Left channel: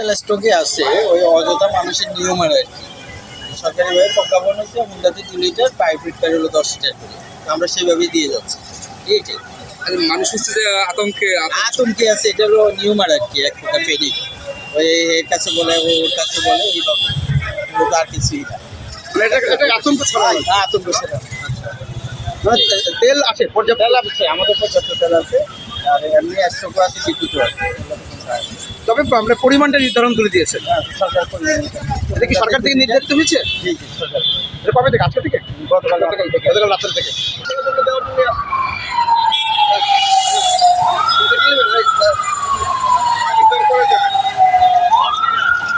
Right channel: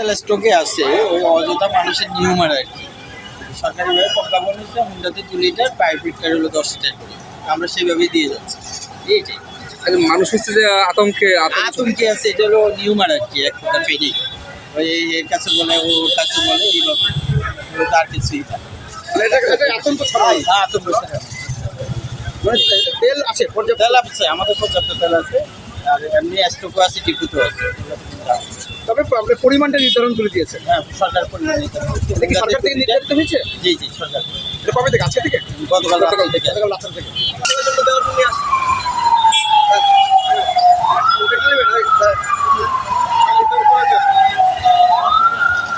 তেল স্টকে আছে, ওই অযথা মানুষের নিয়ম আর কি। সরকারিভাবে প্রজ্ঞাপন হচ্ছে হুন্ডাতে 2 লিটার, প্রাইভেট কার হলো 10 লিটার করে। আমরা সেইভাবেই দিয়ে যাচ্ছি। এইটাই মানুষ হচ্ছে যে আতঙ্কে আছে, এটা হলো নিয়ম আর কি, এক প্রকার ফেডিং। ওই এর কাছে বলে, ওর কাছে বলে, এইভাবে আর কিছুই না। আতঙ্ক ছড়ায়। আতঙ্ক ছাড়া মানে তেল আছে, পর্যাপ্ত তেল আছে, আমাদের পর্যাপ্ত তেল আছে, আর এমনি স্টকও আছে, টিকুটও আছে। তবে আপনার পরিমাণটা নির্ধারণ করে দিয়েছেন। হ্যাঁ, সরকার পরিমাণ এটা কি সরকার থেকে নির্ধারিত হয়েছে? জি জি, সরকার। এটা কবে থেকে? আজকে থেকে? গতকাল রাত্রি থেকে। গতকাল রাত্রে থেকে।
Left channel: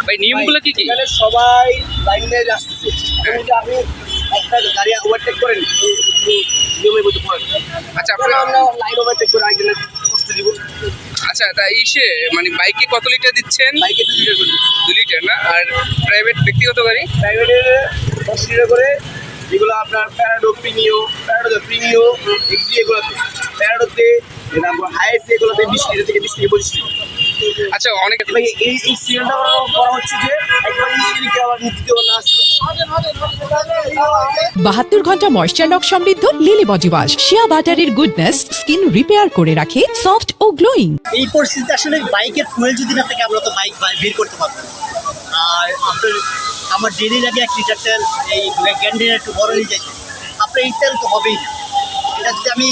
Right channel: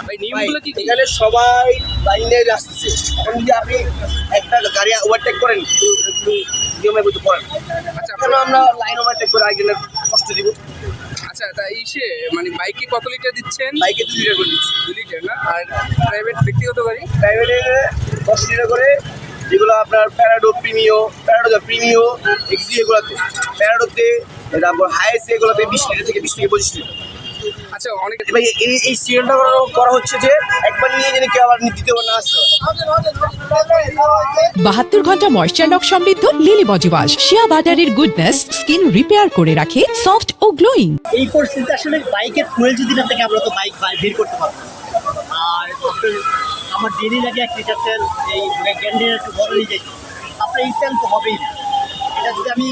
ভাই নিয়মগুলো কি কি? এখানে সবাই লাইনে আসছে। এখন যদি আপনি একটা গাড়ি ওভারটেক করেন, নিয়মের মধ্যে পড়েন। আচ্ছা তাহলে আমরা লাইন ওভারটেক করে আরেকজনের কষ্ট দিব। আচ্ছা, তা ইসে মানে বাইকে কত লিটার দিচ্ছেন? বাইকে 2 লিটার করে দিচ্ছি। 2 লিটার না? আর প্রাইভেট ব্যক্তিগত গাড়ি? প্রাইভেটে 10 লিটার করে, যেগুলো আপনার প্যারাডো প্রিমিও এক্সি, এগুলোতে প্যারাডোতে, তারপর হাইয়েস্ট এগুলোতে 20 লিটার থেকে 20 থেকে 25 লিটার। আচ্ছা, অনেক ভাই এই সিলিন্ডার করা হচ্ছে যে একবার নিয়ে গেলে কি আবার দ্বিতীয়বার না আসতে হয়। 72 ঘন্টা ময়েশ্চার লক সমৃদ্ধ লিলি বডি ওয়াশ, শিয়া বাটারের গুডনেস স্কিন রিপেয়ার করে রাখে সফট ও গ্লোয়িং। এই পরিস্থিতিতে আসলে বাইকের ফুয়েল যদি না থাকে আমরা তো বাইক বের করতে পারবো না। আর আপনার আমার ডেলি লাগে 1 লিটার তেল, এই ক্যান্টিনে একটু বড় নিয়ে যাইতে, আপনার এই তেল তো হবেই না। এটা যদি আমি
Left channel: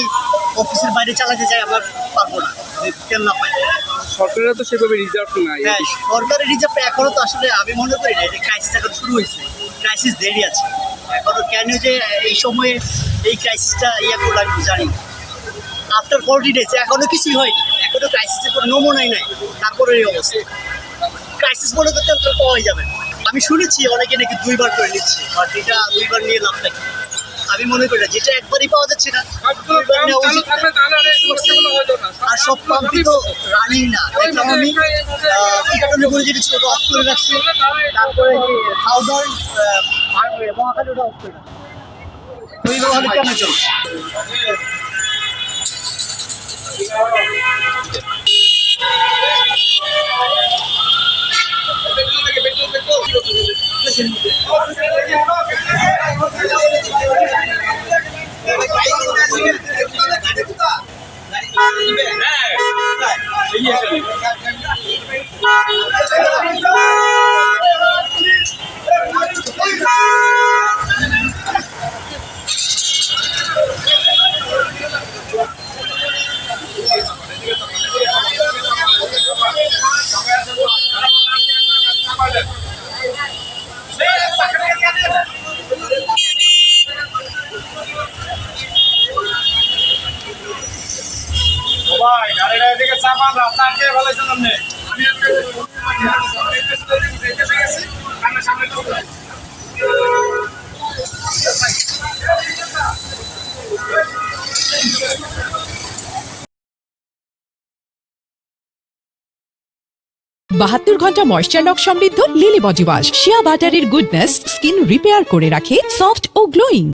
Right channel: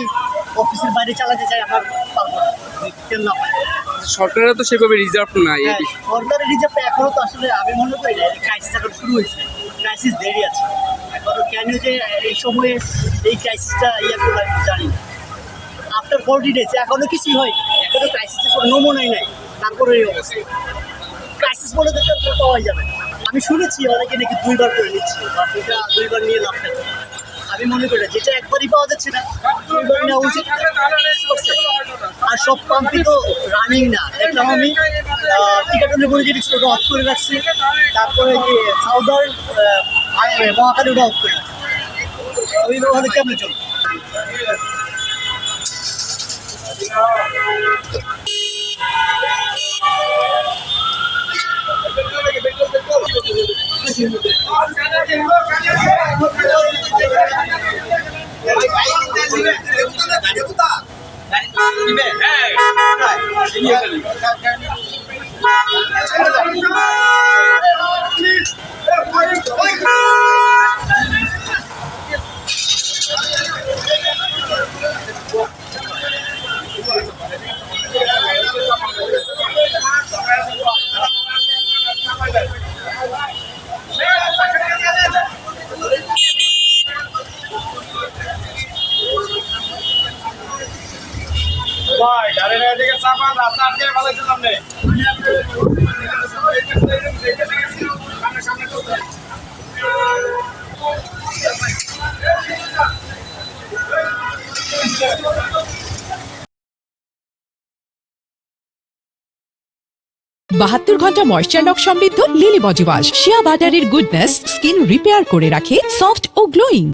অফিসের বাইরে চালাতে চাই আমার পারবো না, যদি তেল না পাই। সরকারের তো সেভাবে রিজার্ভ নাই। হ্যাঁ, সরকারের রিজার্ভ এখনো তো আসলে আমি মনে করি না, এটা ক্রাইসিস এখন শুরু হয়েছে, ক্রাইসিস দেরি আছে এখনো। কেন যে এই সময়ে এই ক্রাইসিসটা করলে আমি জানি না। আফটার 40 ডেজ এখনো কিছুই হয়নি, এখনো ক্রাইসিসের কোনো নমুনাই নাই, তারপরে এই অবস্থা। ক্রাইসিস বলে তো তেল পাওয়াই যাবে না। আমি শুনেছি অনেকে নাকি 2 বার করে নিচ্ছে, বাট এটা 2 বার নিয়ে লাভ থাকে। আমি মনে করি না, যেটা একবারই পাওয়া যাচ্ছে না 2 বার নেওয়া উচিত। আর সব পাম্পই তো রানিং না, দেখলাম আমি টিকাটনের বলে যেটি ছিল ওটা অফ করে রাখছি, তারপরে যে সাউদার্ন মহাকালী ওটা অফ করে রাখছি। ওই ব্যবহারে কেমন চলছে? বাহাত্তর ঘন্টা ময়েশ্চার লক সমৃদ্ধ লিলি বডি ওয়াশ, শিয়া বাটারের গুডনেস স্কিন রিপেয়ার করে রাখে সফট ও গ্লোয়িং।